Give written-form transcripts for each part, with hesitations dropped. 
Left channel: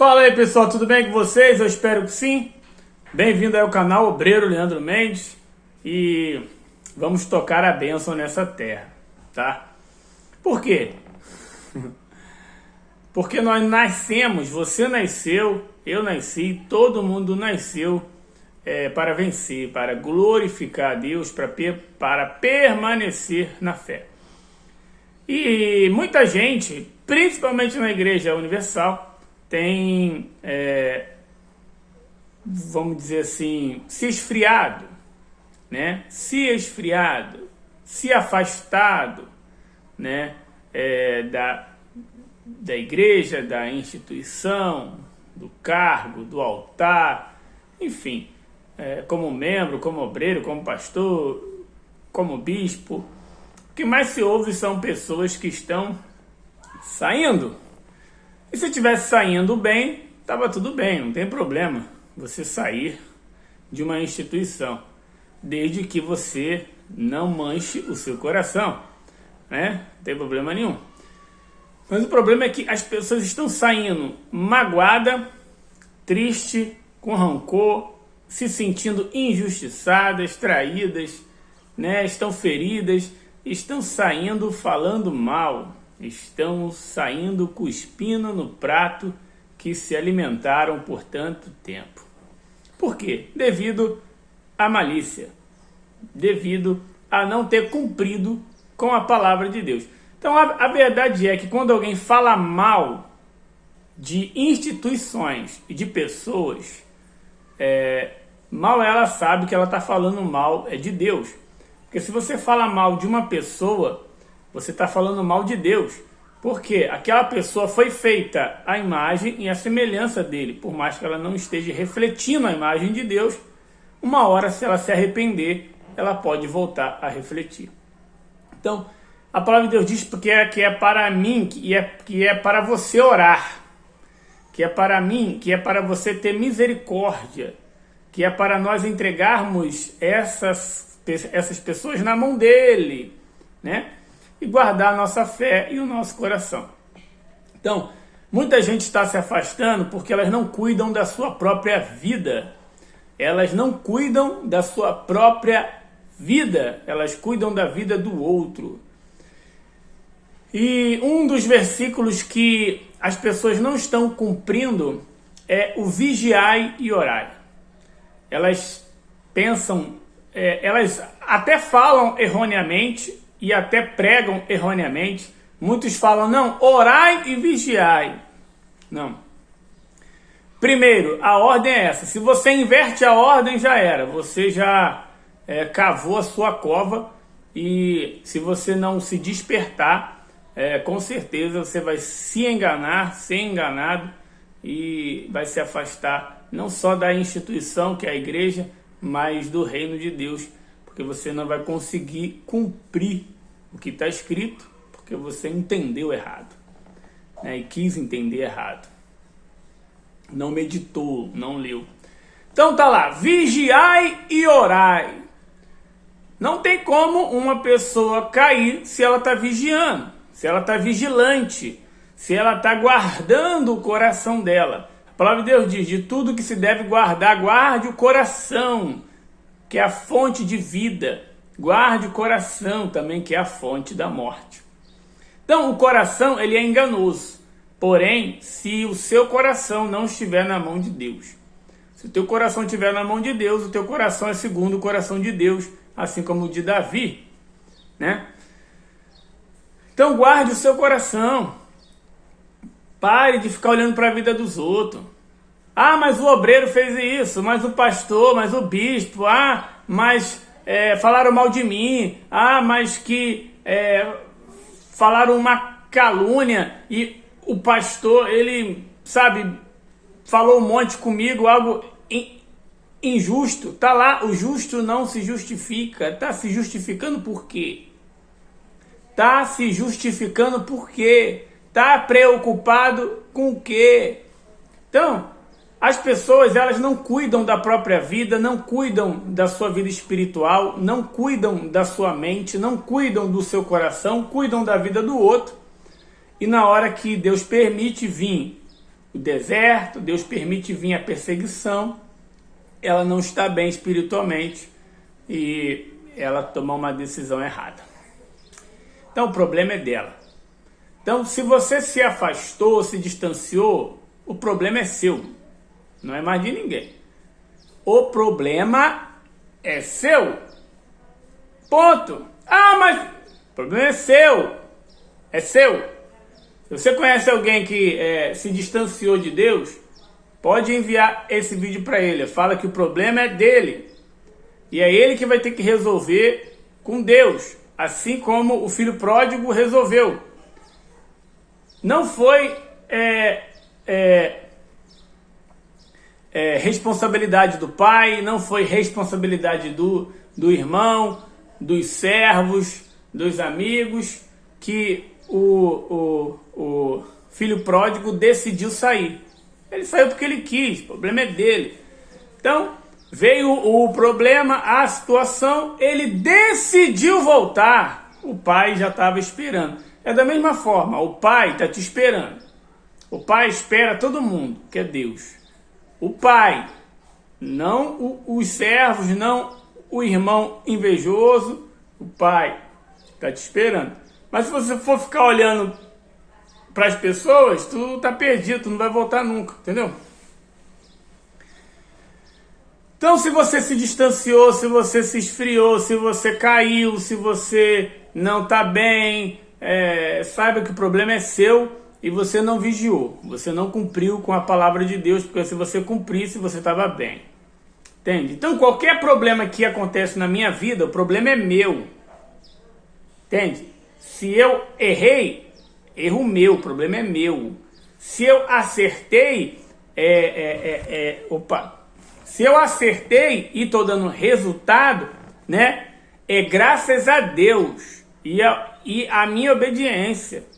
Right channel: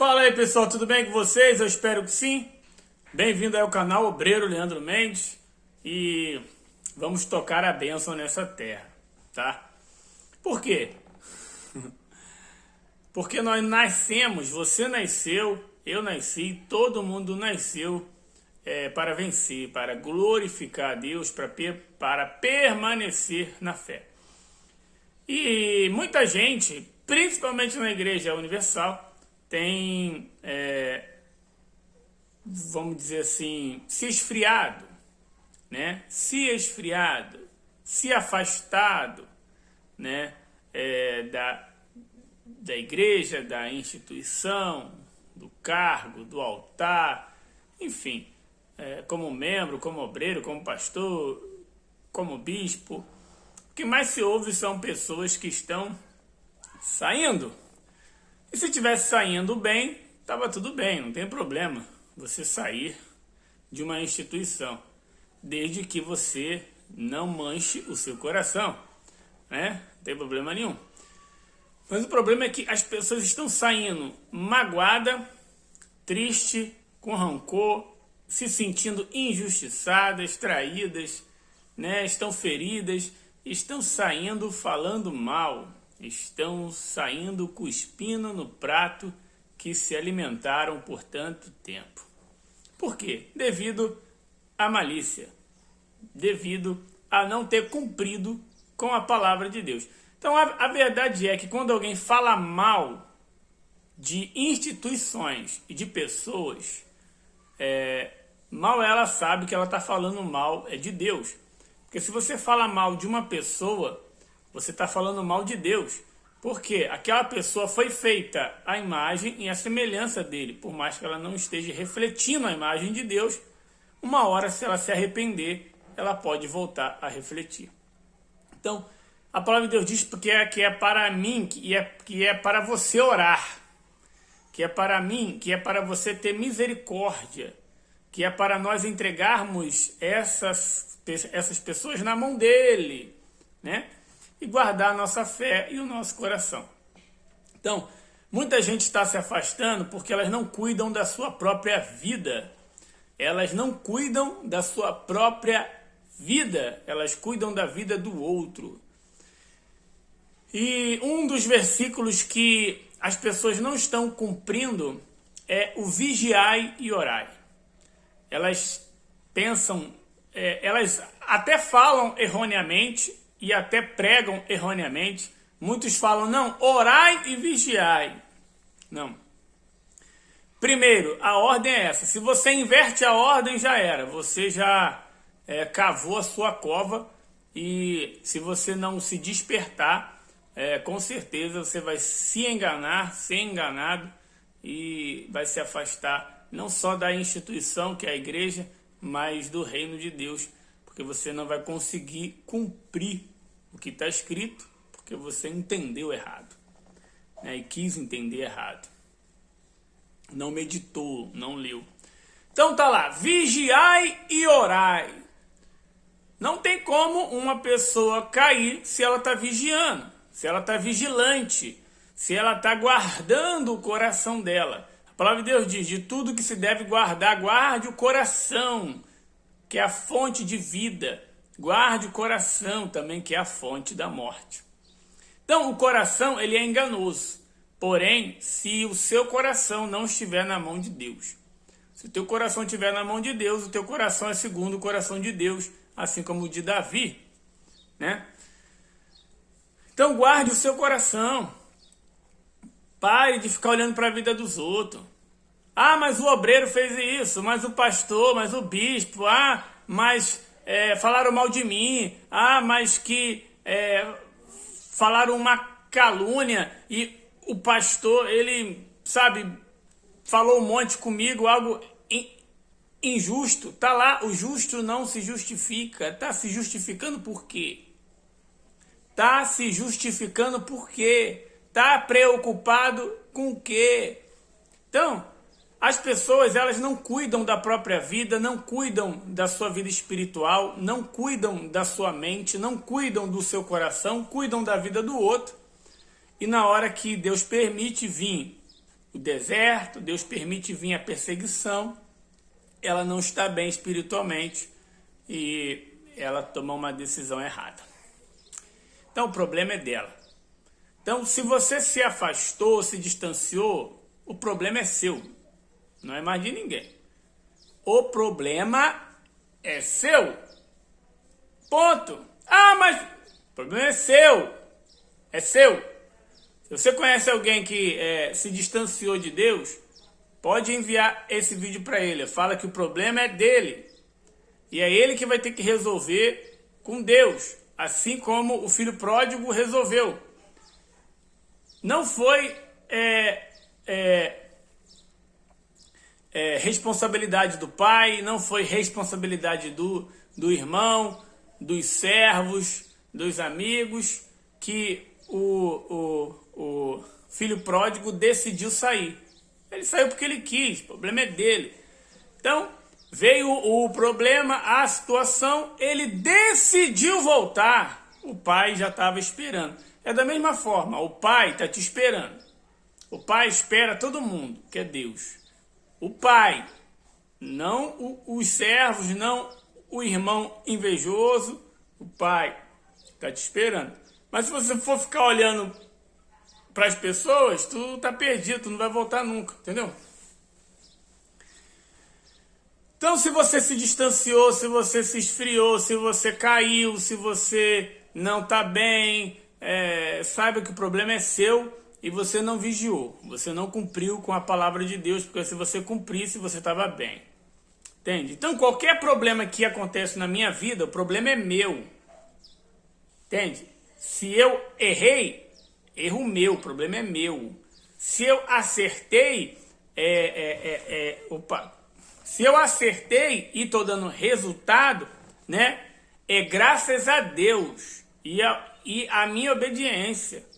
Fala aí pessoal, tudo bem com vocês? Eu espero que sim. Bem-vindo aí ao canal Obreiro Leandro Mendes e vamos tocar a bênção nessa terra, tá? Por quê? Porque nós nascemos, você nasceu, eu nasci, todo mundo nasceu para vencer, para glorificar a Deus, para permanecer na fé. E muita gente, principalmente na Igreja Universal, tem, vamos dizer assim, se esfriado, né? Se afastado, né? Da igreja, da instituição, do cargo, do altar, enfim, como membro, como obreiro, como pastor, como bispo. O que mais se ouve são pessoas que estão saindo. E se estivesse saindo bem, estava tudo bem, não tem problema você sair de uma instituição, desde que você não manche o seu coração, né? Não tem problema nenhum. Mas o problema é que as pessoas estão saindo magoada, triste, com rancor, se sentindo injustiçadas, traídas, né? Estão feridas, estão saindo falando mal. Estão saindo cuspindo no prato que se alimentaram por tanto tempo. Por quê? Devido à malícia, devido a não ter cumprido com a palavra de Deus. Então a verdade é que quando alguém fala mal de instituições e de pessoas, mal ela sabe que ela está falando mal de Deus. Porque se você fala mal de uma pessoa, você está falando mal de Deus, porque aquela pessoa foi feita à imagem e à semelhança dele, por mais que ela não esteja refletindo a imagem de Deus, uma hora, se ela se arrepender, ela pode voltar a refletir. Então, a palavra de Deus diz que é para mim, que é para você orar, que é para mim, que é para você ter misericórdia, que é para nós entregarmos essas pessoas na mão dele, né? E guardar a nossa fé e o nosso coração. Então, muita gente está se afastando porque elas não cuidam da sua própria vida. Elas não cuidam da sua própria vida. Elas cuidam da vida do outro. E um dos versículos que as pessoas não estão cumprindo é o vigiai e orai. Elas pensam, elas até falam erroneamente, e até pregam erroneamente. Muitos falam, não, orai e vigiai. Não. Primeiro, a ordem é essa. Se você inverte a ordem, já era. Você já cavou a sua cova e se você não se despertar, com certeza você vai se enganar, ser enganado e vai se afastar não só da instituição, que é a igreja, mas do reino de Deus. Porque você não vai conseguir cumprir o que está escrito, porque você entendeu errado, né? E quis entender errado. Não meditou, não leu. Então tá lá, vigiai e orai. Não tem como uma pessoa cair se ela está vigiando, se ela está vigilante, se ela está guardando o coração dela. A palavra de Deus diz, de tudo que se deve guardar, guarde o coração, que é a fonte de vida. Guarde o coração também, que é a fonte da morte. Então, o coração, ele é enganoso. Porém, se o seu coração não estiver na mão de Deus. Se o teu coração estiver na mão de Deus, o teu coração é segundo o coração de Deus, assim como o de Davi, né? Então, guarde o seu coração. Pare de ficar olhando para a vida dos outros. Ah, mas o obreiro fez isso, mas o pastor, mas o bispo, mas falaram mal de mim, mas que falaram uma calúnia e o pastor, ele, sabe, falou um monte comigo, algo injusto. Tá lá, o justo não se justifica. Tá se justificando por quê? Tá se justificando por quê? Tá preocupado com o quê? Então, as pessoas, elas não cuidam da própria vida, não cuidam da sua vida espiritual, não cuidam da sua mente, não cuidam do seu coração, cuidam da vida do outro. E na hora que Deus permite vir o deserto, Deus permite vir a perseguição, ela não está bem espiritualmente e ela tomou uma decisão errada. Então o problema é dela. Então se você se afastou, se distanciou, o problema é seu, não é mais de ninguém. O problema é seu. Ponto. Ah, mas o problema é seu. É seu. Se você conhece alguém que se distanciou de Deus, pode enviar esse vídeo para ele. Fala que o problema é dele. E é ele que vai ter que resolver com Deus. Assim como o filho pródigo resolveu. Não foi responsabilidade do pai, não foi responsabilidade do irmão, dos servos, dos amigos, que o filho pródigo decidiu sair. Ele saiu porque ele quis, o problema é dele. Então, veio o problema, a situação, ele decidiu voltar. O pai já estava esperando. É da mesma forma, o pai está te esperando. O pai espera todo mundo, que é Deus. O pai, não os servos, não o irmão invejoso, o pai está te esperando. Mas se você for ficar olhando para as pessoas, tu tá perdido, tu não vai voltar nunca, entendeu? Então, se você se distanciou, se você se esfriou, se você caiu, se você não tá bem, saiba que o problema é seu e você não vigiou, você não cumpriu com a palavra de Deus, porque se você cumprisse, você estava bem. Entende? Então, qualquer problema que acontece na minha vida, o problema é meu. Entende? Se eu errei, erro meu, o problema é meu. Se eu acertei, se eu acertei e estou dando resultado, né? É graças a Deus e a minha obediência.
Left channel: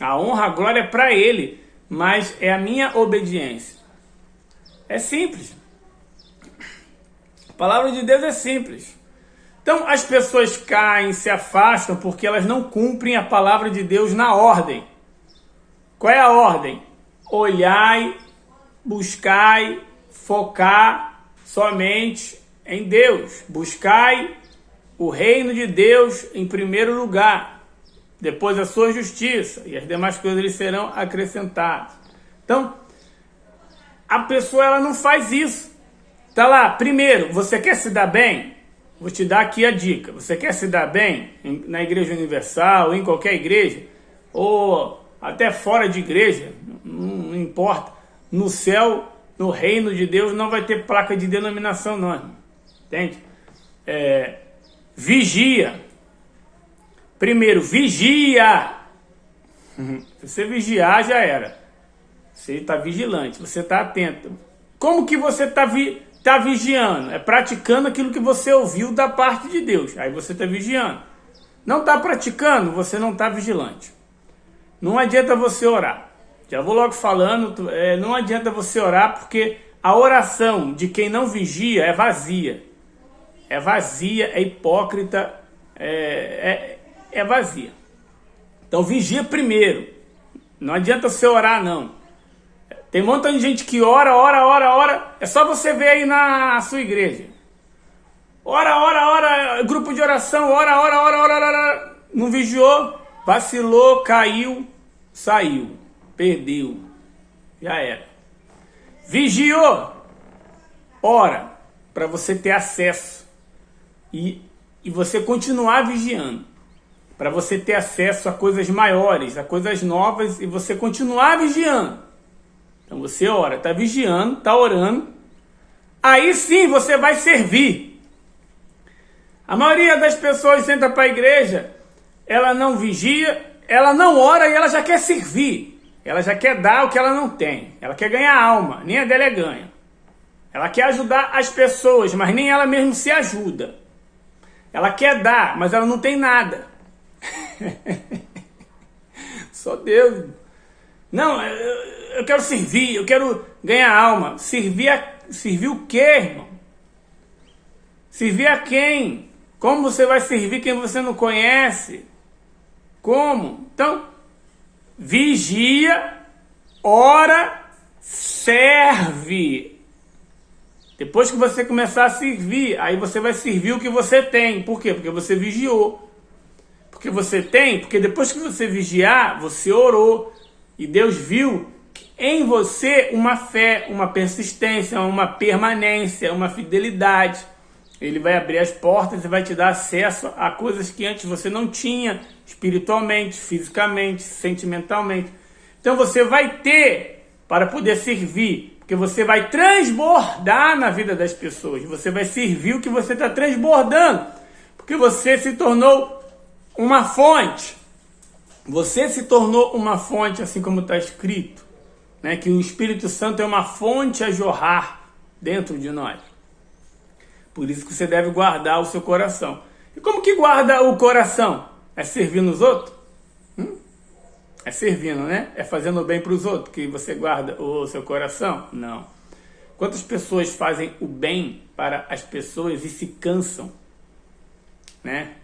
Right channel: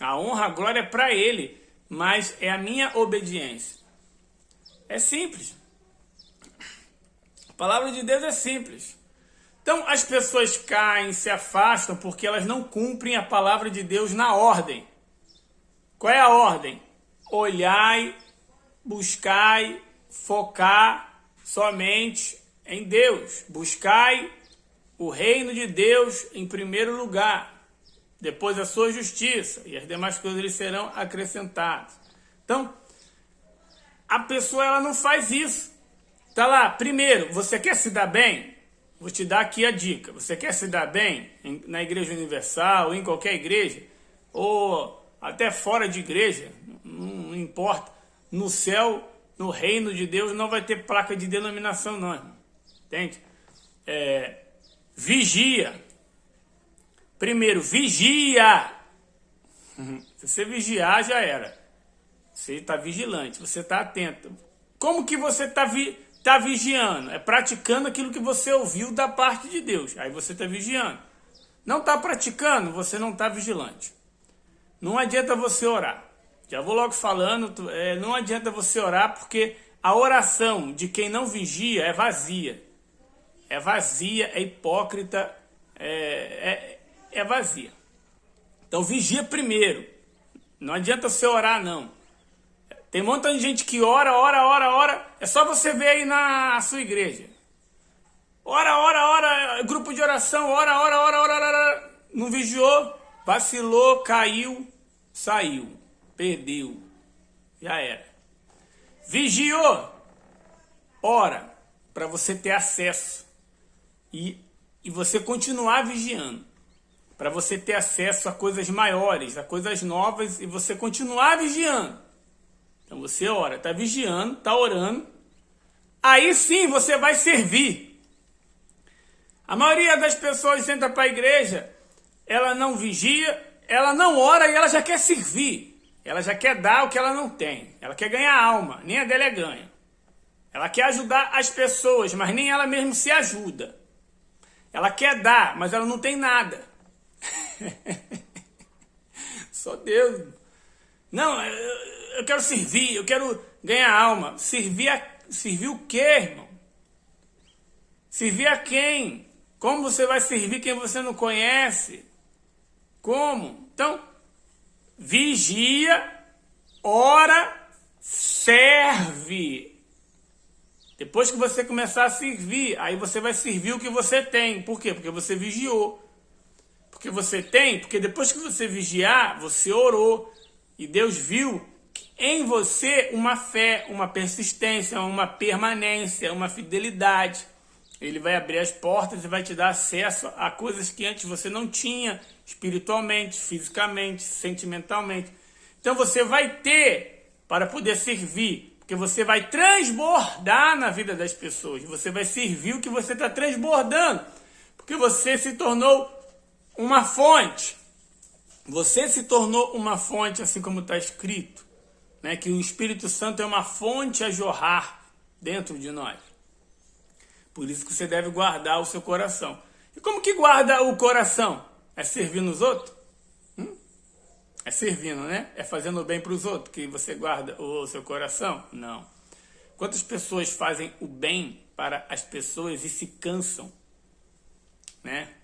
A honra, a glória é para Ele, mas é a minha obediência. É simples. A palavra de Deus é simples. Então as pessoas caem, se afastam porque elas não cumprem a palavra de Deus na ordem. Qual é a ordem? Olhai, buscai, focar somente em Deus. Buscai o reino de Deus em primeiro lugar. Depois a sua justiça e as demais coisas lhe serão acrescentadas. Então, a pessoa ela não faz isso. Tá lá, primeiro, você quer se dar bem? Vou te dar aqui a dica. Você quer se dar bem na Igreja Universal, em qualquer igreja, ou até fora de igreja, não importa. No céu, no reino de Deus, não vai ter placa de denominação, não, irmão. Entende? Vigia. Primeiro, vigia. Se você vigiar, já era. Você está vigilante, você está atento. Como que você está vigiando? É praticando aquilo que você ouviu da parte de Deus. Aí você está vigiando. Não está praticando, você não está vigilante. Não adianta você orar. Já vou logo falando, não adianta você orar porque a oração de quem não vigia é vazia. É vazia, é hipócrita, é vazia. Então vigia primeiro. Não adianta você orar, não. Tem um monte de gente que ora. É só você ver aí na sua igreja. Ora, grupo de oração, ora. Não vigiou, vacilou, caiu, saiu, perdeu. Já era. Vigiou. Ora, para você ter acesso. E você continuar vigiando. Para você ter acesso a coisas maiores, a coisas novas, e você continuar vigiando. Então você ora, está vigiando, está orando. Aí sim você vai servir. A maioria das pessoas que entra para a igreja, ela não vigia, ela não ora e ela já quer servir. Ela já quer dar o que ela não tem. Ela quer ganhar alma, nem a dela é ganha. Ela quer ajudar as pessoas, mas nem ela mesma se ajuda. Ela quer dar, mas ela não tem nada. Só Deus. Não, eu quero servir, eu quero ganhar alma. Servir o quê, irmão? Servir a quem? Como você vai servir quem você não conhece? Como? Então, vigia, ora, serve. Depois que você começar a servir, aí você vai servir o que você tem. Por quê? Porque você vigiou. Porque você tem, porque depois que você vigiar, você orou. E Deus viu em você uma fé, uma persistência, uma permanência, uma fidelidade. Ele vai abrir as portas e vai te dar acesso a coisas que antes você não tinha, espiritualmente, fisicamente, sentimentalmente. Então você vai ter para poder servir, porque você vai transbordar na vida das pessoas. Você vai servir o que você está transbordando, porque você se tornou uma fonte. Você se tornou uma fonte, assim como está escrito, né? Que o Espírito Santo é uma fonte a jorrar dentro de nós. Por isso que você deve guardar o seu coração. E como que guarda o coração? É servindo os outros? É servindo, né? É fazendo bem para os outros que você guarda o seu coração? Não. Quantas pessoas fazem o bem para as pessoas e se cansam, né?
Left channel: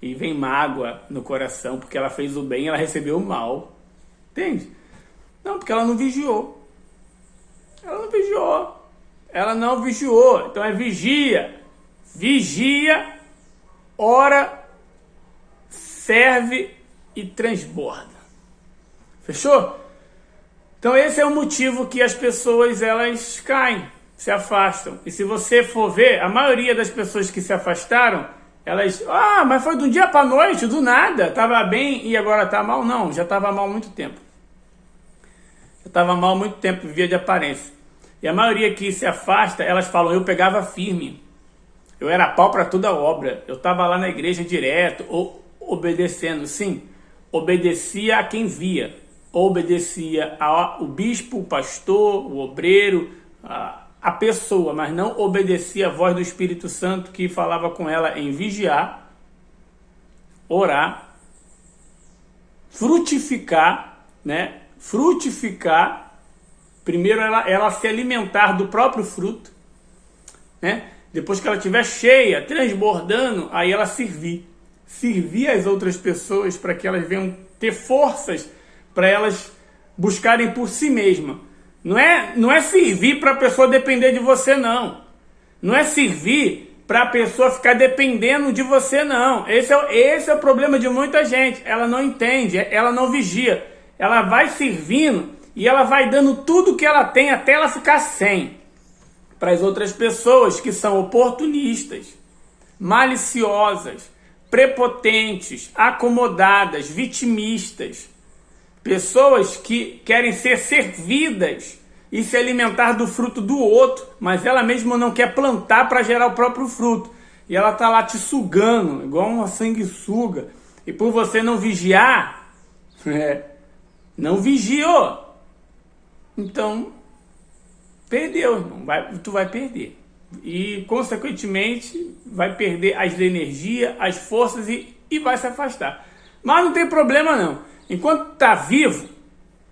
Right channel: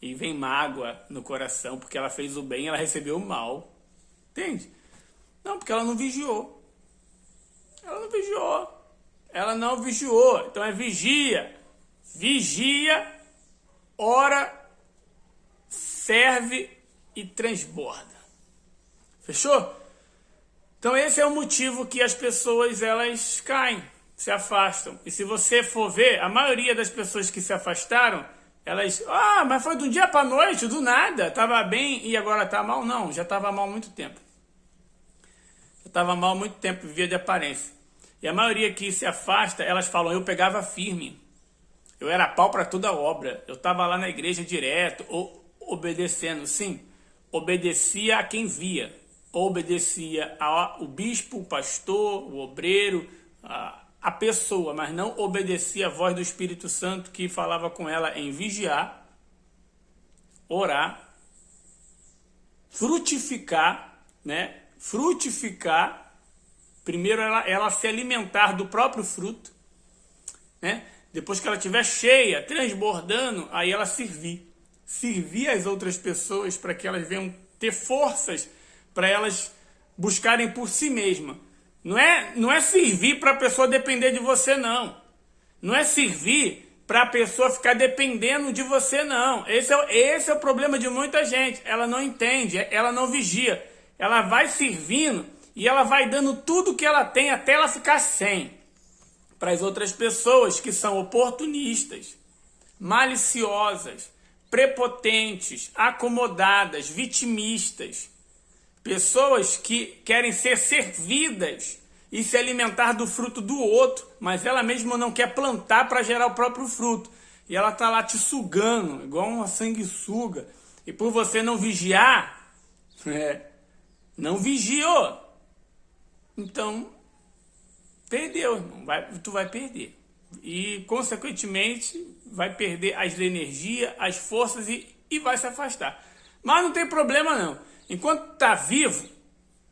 E vem mágoa no coração porque ela fez o bem e ela recebeu o mal. Entende? Não, porque ela não vigiou. Ela não vigiou. Ela não vigiou. Então é vigia. Vigia, ora, serve e transborda. Fechou? Então esse é o motivo que as pessoas elas caem, se afastam. E se você for ver, a maioria das pessoas que se afastaram, elas, mas foi do dia para noite, do nada, estava bem e agora está mal. Não, já estava mal há muito tempo. Já estava mal há muito tempo, via de aparência. E a maioria que se afasta, elas falam, eu pegava firme. Eu era pau para toda obra. Eu estava lá na igreja direto, ou obedecendo. Sim, obedecia a quem via. Obedecia ao bispo, o pastor, o obreiro, a pessoa, mas não obedecia a voz do Espírito Santo que falava com ela em vigiar, orar, frutificar, né? Frutificar. Primeiro ela se alimentar do próprio fruto, né? Depois que ela estiver cheia, transbordando, aí ela servir. Servir as outras pessoas para que elas venham ter forças para elas buscarem por si mesmas. Não é servir para a pessoa depender de você, não. Não é servir para a pessoa ficar dependendo de você, não. Esse é o problema de muita gente. Ela não entende, ela não vigia. Ela vai servindo e ela vai dando tudo que ela tem até ela ficar sem. Para as outras pessoas que são oportunistas, maliciosas, prepotentes, acomodadas, vitimistas. Pessoas que querem ser servidas e se alimentar do fruto do outro, mas ela mesma não quer plantar para gerar o próprio fruto. E ela está lá te sugando, igual uma sanguessuga. E por você não vigiar, não vigiou. Então, perdeu, irmão. Tu vai perder. E, consequentemente, vai perder as energias, as forças e vai se afastar. Mas não tem problema, não. Enquanto está vivo,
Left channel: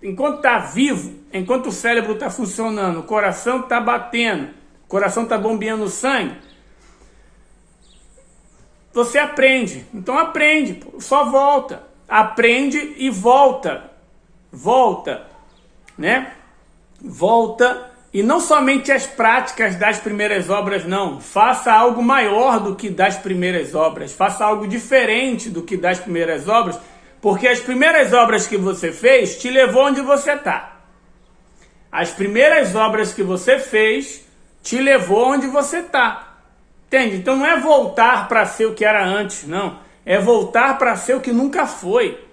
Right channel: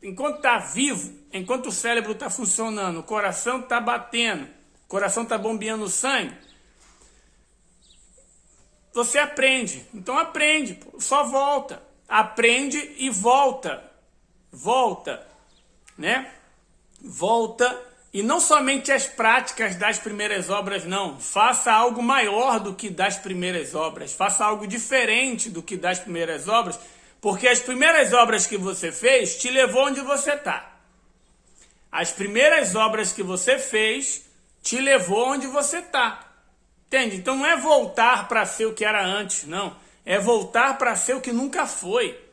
enquanto o cérebro está funcionando, o coração está batendo, o coração está bombeando sangue, você aprende. Então aprende, só volta. Aprende e volta. Volta, né? Volta. E não somente as práticas das primeiras obras, não. Faça algo maior do que das primeiras obras. Faça algo diferente do que das primeiras obras. Porque as primeiras obras que você fez te levou onde você está. As primeiras obras que você fez te levou onde você está. Entende? Então não é voltar para ser o que era antes, não. É voltar para ser o que nunca foi.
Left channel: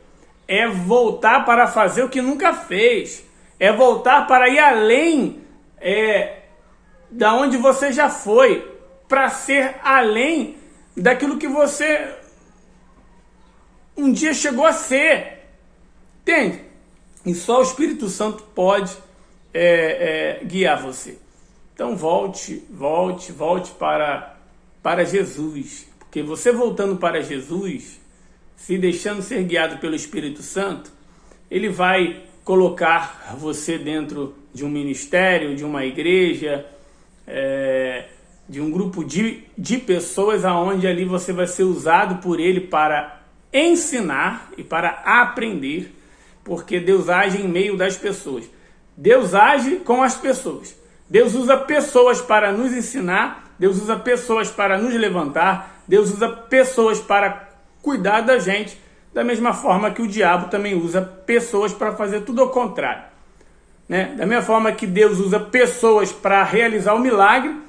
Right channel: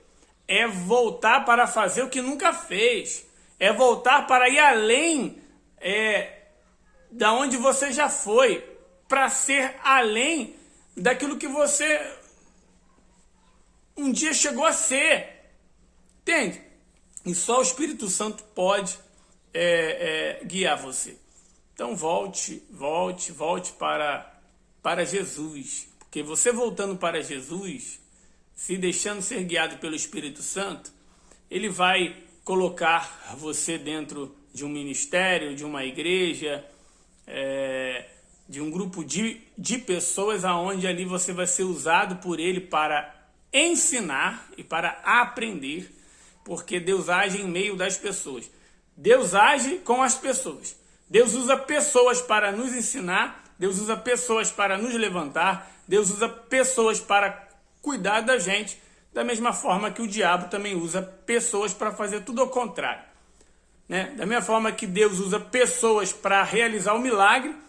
É voltar para fazer o que nunca fez. É voltar para ir além da onde você já foi. Para ser além daquilo que você um dia chegou a ser. Entende? E só o Espírito Santo pode guiar você. Então volte para Jesus. Porque você voltando para Jesus, se deixando ser guiado pelo Espírito Santo, ele vai colocar você dentro de um ministério, de uma igreja, de um grupo de pessoas, aonde ali você vai ser usado por ele para ensinar e para aprender, porque Deus age em meio das pessoas. Deus age com as pessoas. Deus usa pessoas para nos ensinar, Deus usa pessoas para nos levantar, Deus usa pessoas para cuidar da gente, da mesma forma que o diabo também usa pessoas para fazer tudo ao contrário. Né? Da mesma forma que Deus usa pessoas para realizar o milagre,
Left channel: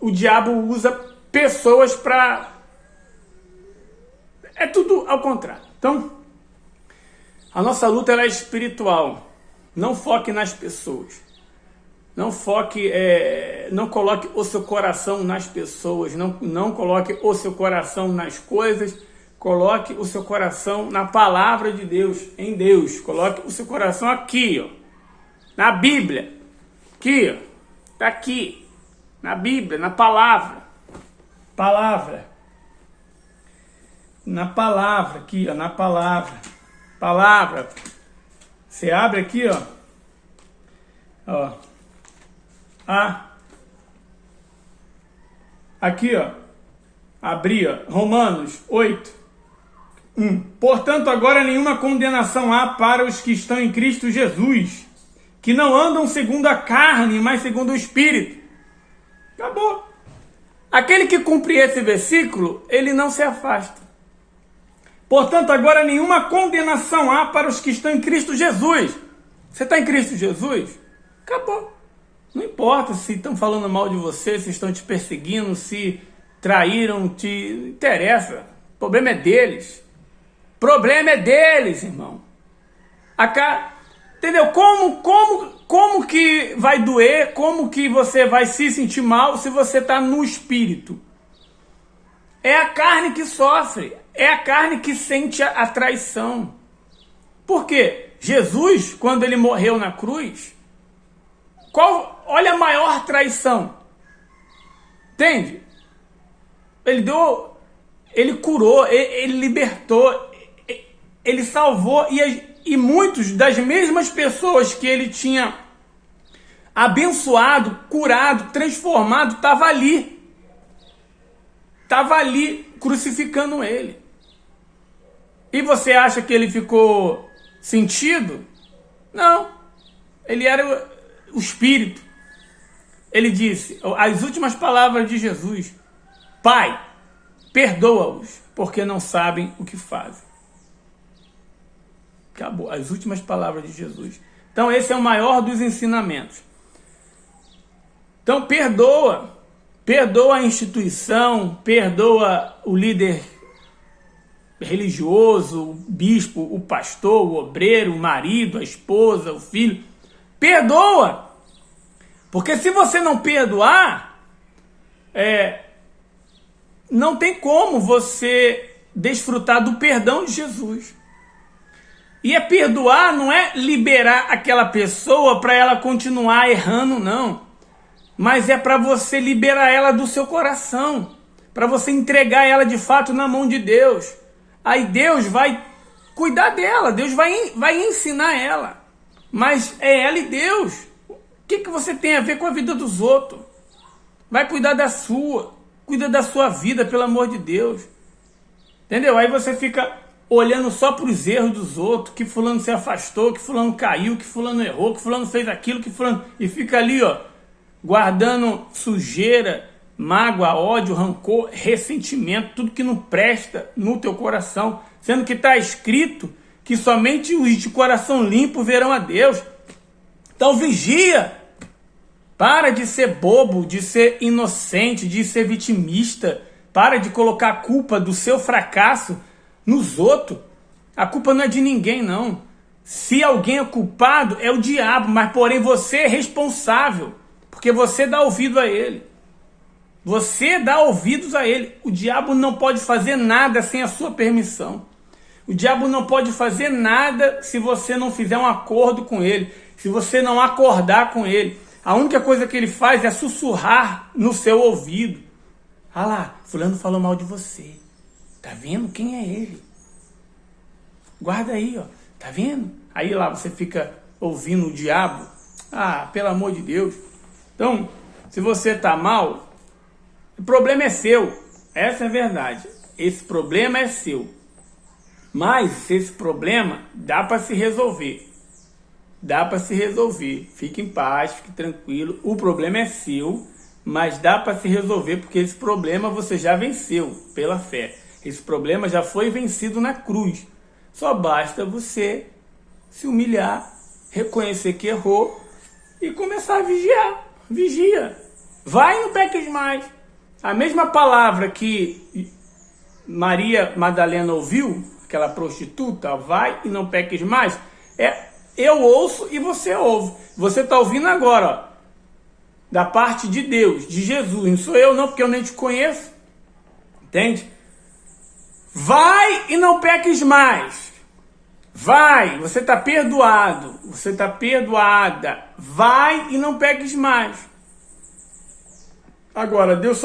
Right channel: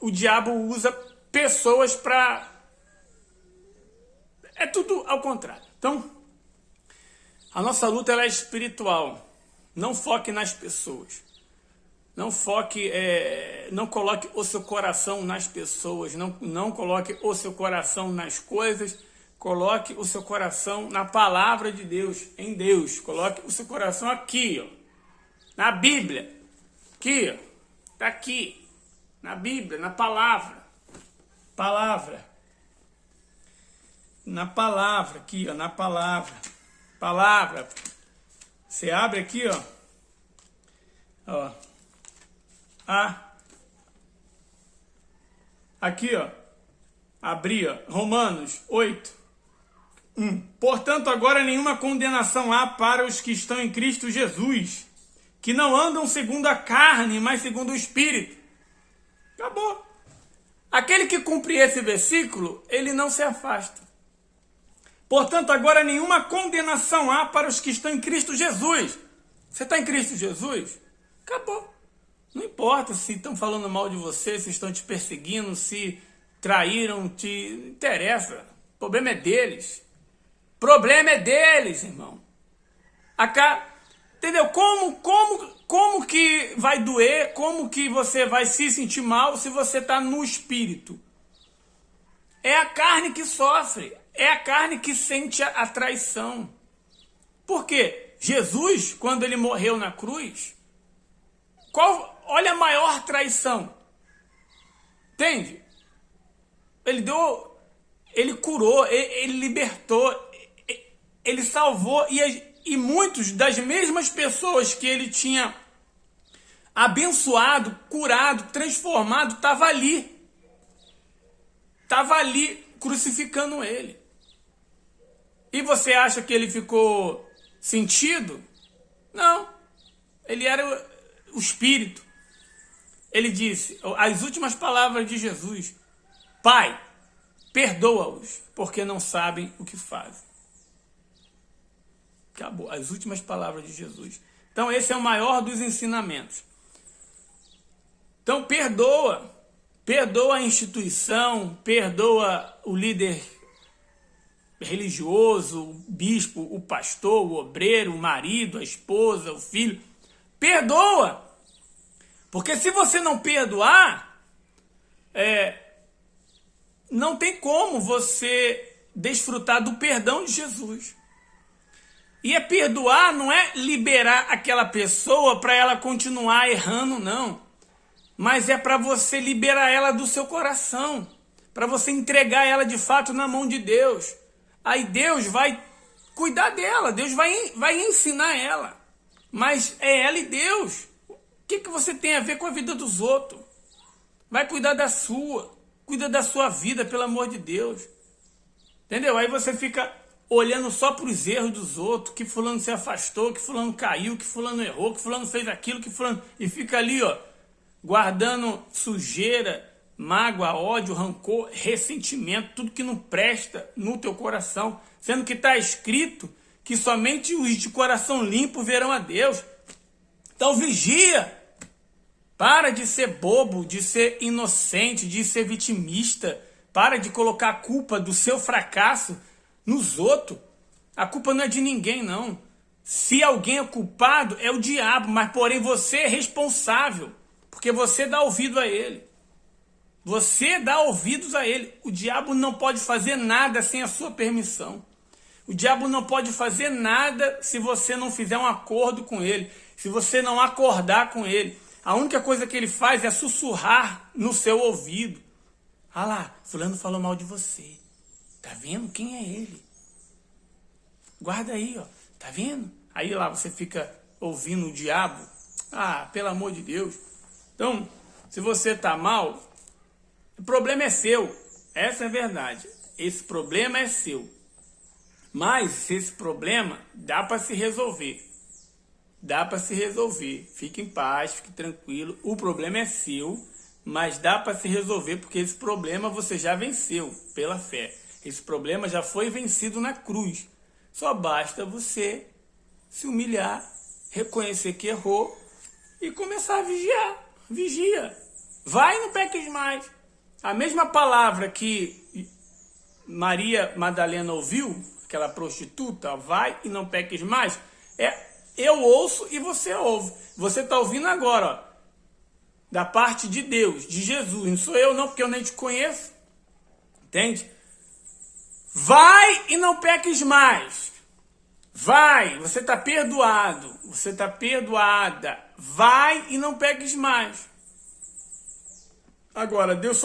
o diabo usa pessoas para... É tudo ao contrário. Então, a nossa luta ela é espiritual. Não foque nas pessoas. Não foque, não coloque o seu coração nas pessoas. Não coloque o seu coração nas coisas. Coloque o seu coração na palavra de Deus, em Deus. Coloque o seu coração aqui, ó, na Bíblia. Aqui, ó. Tá aqui. Na Bíblia, na palavra. Palavra. Na palavra, aqui, ó, na palavra. Palavra. Você abre aqui, ó. Ó. Aqui, ó. Abri, ó. Romanos 8. Portanto, agora nenhuma condenação há para os que estão em Cristo Jesus, que não andam segundo a carne, mas segundo o Espírito. Acabou. Aquele que cumpre esse versículo, ele não se afasta. Portanto, agora nenhuma condenação há para os que estão em Cristo Jesus. Você está em Cristo Jesus? Acabou. Não importa se estão falando mal de você, se estão te perseguindo, se traíram, não interessa. O problema é deles. O problema é deles, irmão. Entendeu? Como que vai doer? Como que você vai se sentir mal se você está no espírito? É a carne que sofre. É a carne que sente a traição. Por quê? Jesus, quando ele morreu na cruz, olha a maior traição. Entende? Ele curou, ele libertou, ele salvou, e muitos das mesmas pessoas que ele tinha abençoado, curado, transformado, estava ali crucificando ele. E você acha que ele ficou sentido? Não. Ele era o Espírito. Ele disse, as últimas palavras de Jesus: Pai, perdoa-os, porque não sabem o que fazem. Acabou. As últimas palavras de Jesus. Então esse é o maior dos ensinamentos. Então perdoa. Perdoa a instituição, perdoa o líder religioso, o bispo, o pastor, o obreiro, o marido, a esposa, o filho. Perdoa. Porque se você não perdoar, não tem como você desfrutar do perdão de Jesus. E perdoar não é liberar aquela pessoa para ela continuar errando, não. Mas é para você liberar ela do seu coração. Para você entregar ela de fato na mão de Deus. Aí Deus vai cuidar dela. Deus vai ensinar ela. Mas é ela e Deus. O que você tem a ver com a vida dos outros? Vai cuidar da sua. Cuida da sua vida, pelo amor de Deus. Entendeu? Aí você fica olhando só para os erros dos outros. Que fulano se afastou, que fulano caiu, que fulano errou, que fulano fez aquilo, que fulano... E fica ali, ó, guardando sujeira, mágoa, ódio, rancor, ressentimento, tudo que não presta no teu coração, sendo que está escrito que somente os de coração limpo verão a Deus. Então vigia, para de ser bobo, de ser inocente, de ser vitimista, para de colocar a culpa do seu fracasso nos outros. A culpa não é de ninguém, não. Se alguém é culpado, é o diabo, mas porém você é responsável. Porque você dá ouvido a ele. Você dá ouvidos a ele. O diabo não pode fazer nada sem a sua permissão. O diabo não pode fazer nada se você não fizer um acordo com ele. Se você não acordar com ele. A única coisa que ele faz é sussurrar no seu ouvido. Ah lá, fulano falou mal de você. Tá vendo quem é ele? Guarda aí, ó. Tá vendo? Aí lá você fica ouvindo o diabo. Ah, pelo amor de Deus. Então, se você está mal, o problema é seu. Essa é a verdade. Esse problema é seu. Mas esse problema dá para se resolver. dá para se resolver. Fique em paz, fique tranquilo. O problema é seu, mas dá para se resolver porque esse problema você já venceu pela fé. Esse problema já foi vencido na cruz. Só basta você se humilhar, reconhecer que errou e começar a vigiar. Vigia. Vai e não peques mais. A mesma palavra que Maria Madalena ouviu, aquela prostituta, vai e não peques mais, eu ouço e você ouve. Você está ouvindo agora, ó, da parte de Deus, de Jesus. Não sou eu não, porque eu nem te conheço. Entende? Vai e não peques mais. Vai, você está perdoado. Você está perdoada. Vai e não peques mais. Agora, Deus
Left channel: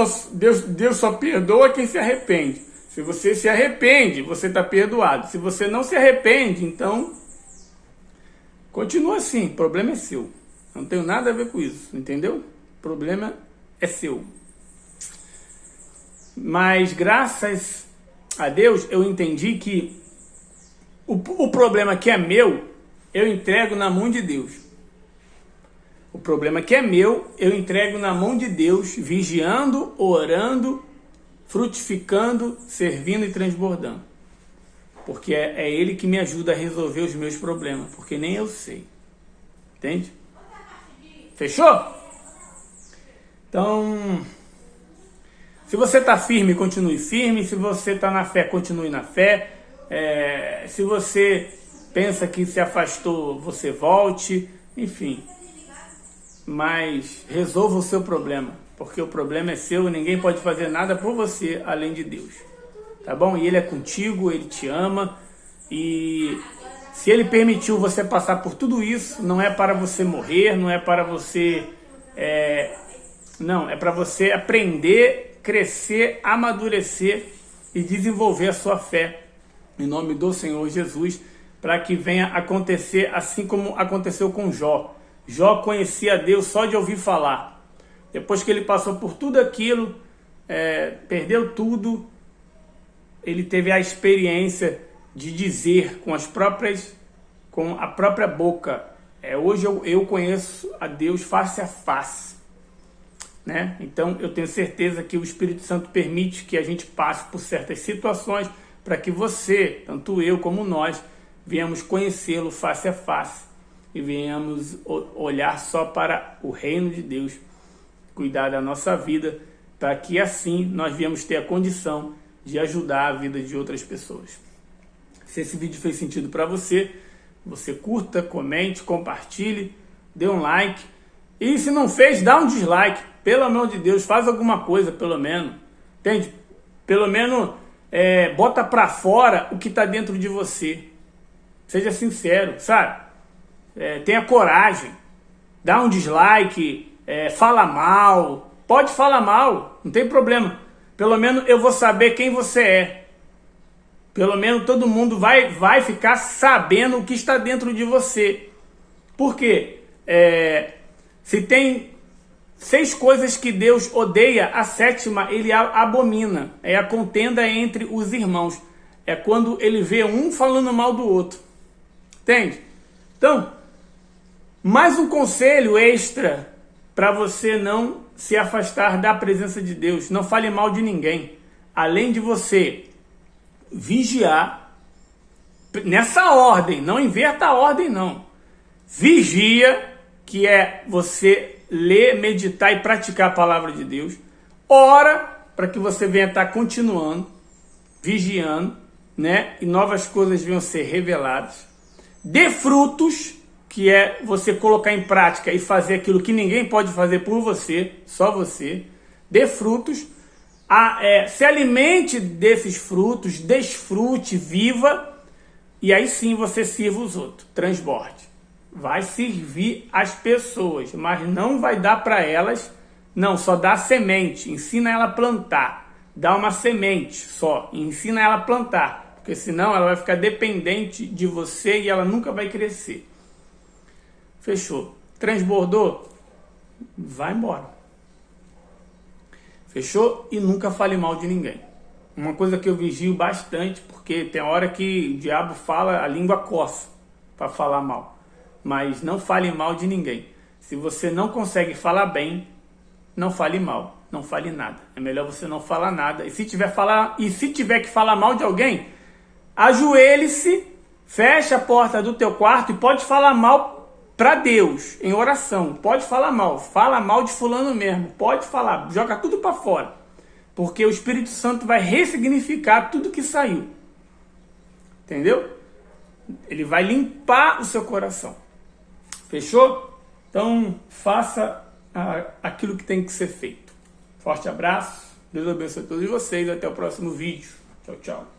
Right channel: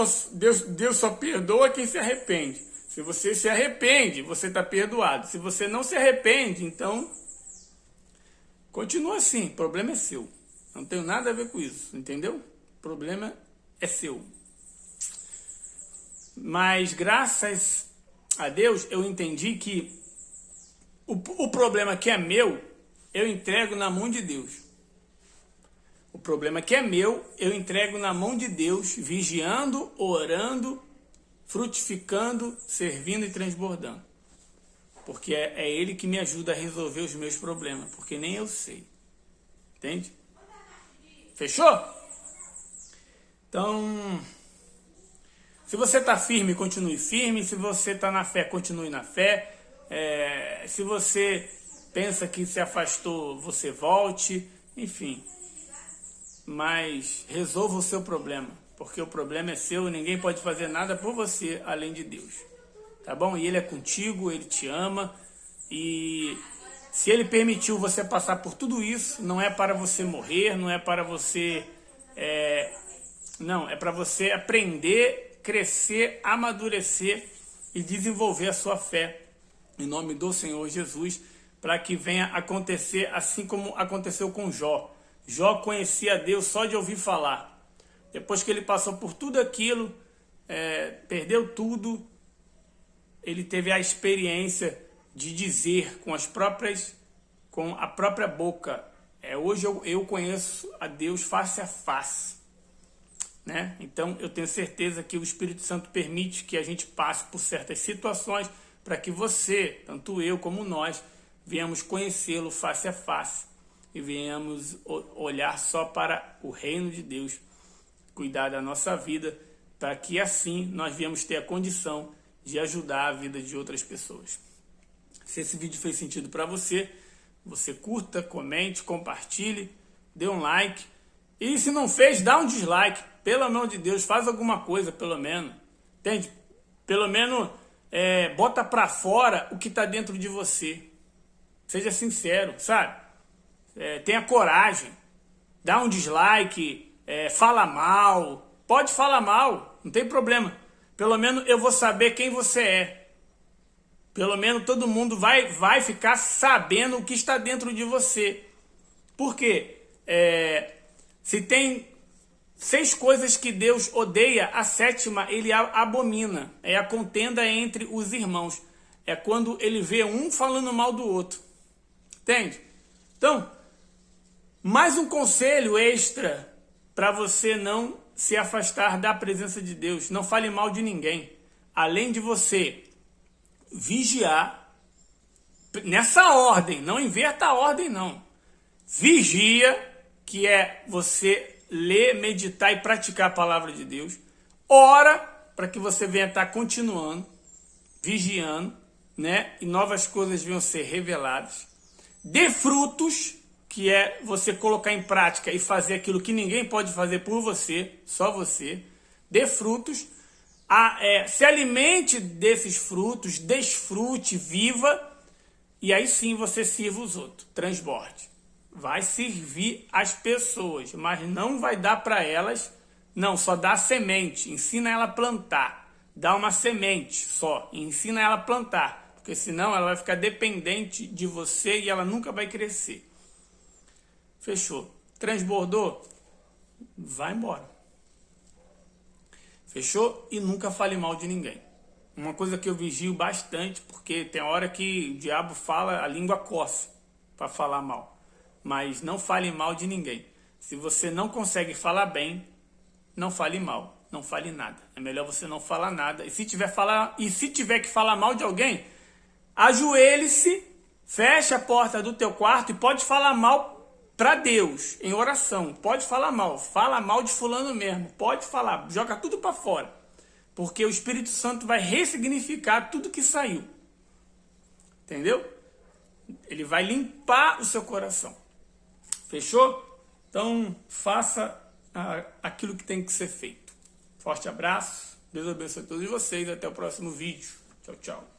só perdoa quem se arrepende. Se você se arrepende, você está perdoado. Se você não se arrepende, então continua assim. O problema é seu. Não tenho nada a ver com isso, entendeu? O problema é seu. Mas graças a Deus eu entendi que o problema que é meu, eu entrego na mão de Deus. O problema que é meu, eu entrego na mão de Deus, vigiando, orando, frutificando, servindo e transbordando. Porque é Ele que me ajuda a resolver os meus problemas, porque nem eu sei. Entende? Fechou? Então, se você está firme, continue firme. Se você está na fé, continue na fé. Se você pensa que se afastou, você volte. Enfim. Mas resolva o seu problema, porque o problema é seu e ninguém pode fazer nada por você além de Deus, tá bom? E Ele é contigo, Ele te ama, e se Ele permitiu você passar por tudo isso, não é para você morrer, não é para você, não, é para você aprender, crescer, amadurecer e desenvolver a sua fé, em nome do Senhor Jesus, para que venha acontecer assim como aconteceu com Jó. Jó conhecia Deus só de ouvir falar. Depois que ele passou por tudo aquilo, perdeu tudo, ele teve a experiência de dizer com a própria boca, hoje eu conheço a Deus face a face. Né? Então eu tenho certeza que o Espírito Santo permite que a gente passe por certas situações para que você, tanto eu como nós, venhamos conhecê-lo face a face. E venhamos olhar só para o reino de Deus, cuidar da nossa vida, para que assim nós viemos ter a condição de ajudar a vida de outras pessoas. Se esse vídeo fez sentido para você, você curta, comente, compartilhe, dê um like. E se não fez, dá um dislike. Pelo amor de Deus, faz alguma coisa, pelo menos. Entende? Pelo menos bota para fora o que está dentro de você. Seja sincero, sabe? Tenha coragem, dá um dislike, fala mal, pode falar mal, não tem problema. Pelo menos eu vou saber quem você é. Pelo menos todo mundo vai ficar sabendo o que está dentro de você. Por quê? Se tem 6 coisas que Deus odeia, a 7ª ele abomina. É a contenda entre os irmãos. É quando ele vê um falando mal do outro. Entende? Então, mais um conselho extra para você não se afastar da presença de Deus. Não fale mal de ninguém. Além de você vigiar, nessa ordem, não inverta a ordem não. Vigia, que é você ler, meditar e praticar a palavra de Deus. Ora, para que você venha estar continuando, vigiando, né? E novas coisas venham ser reveladas. Dê frutos, que é você colocar em prática e fazer aquilo que ninguém pode fazer por você, só você. Dê frutos, se alimente desses frutos, desfrute, viva, e aí sim você sirva os outros, transborde. Vai servir as pessoas, mas não vai dar para elas, não, só dá semente, ensina ela a plantar, dá uma semente só, ensina ela a plantar, porque senão ela vai ficar dependente de você e ela nunca vai crescer. Fechou. Transbordou? Vai embora. Fechou? E nunca fale mal de ninguém. Uma coisa que eu vigio bastante, porque tem hora que o diabo fala, a língua coça para falar mal. mas não fale mal de ninguém. Se você não consegue falar bem, não fale mal, não fale nada. É melhor você não falar nada. E se tiver que falar mal de alguém, ajoelhe-se, feche a porta do teu quarto e pode falar mal para Deus, em oração. Pode falar mal, fala mal de fulano mesmo, pode falar, joga tudo para fora. Porque o Espírito Santo vai ressignificar tudo que saiu. Entendeu? Ele vai limpar o seu coração. Fechou? Então, faça aquilo que tem que ser feito. Forte abraço. Deus abençoe todos vocês. Até o próximo vídeo. Tchau, tchau.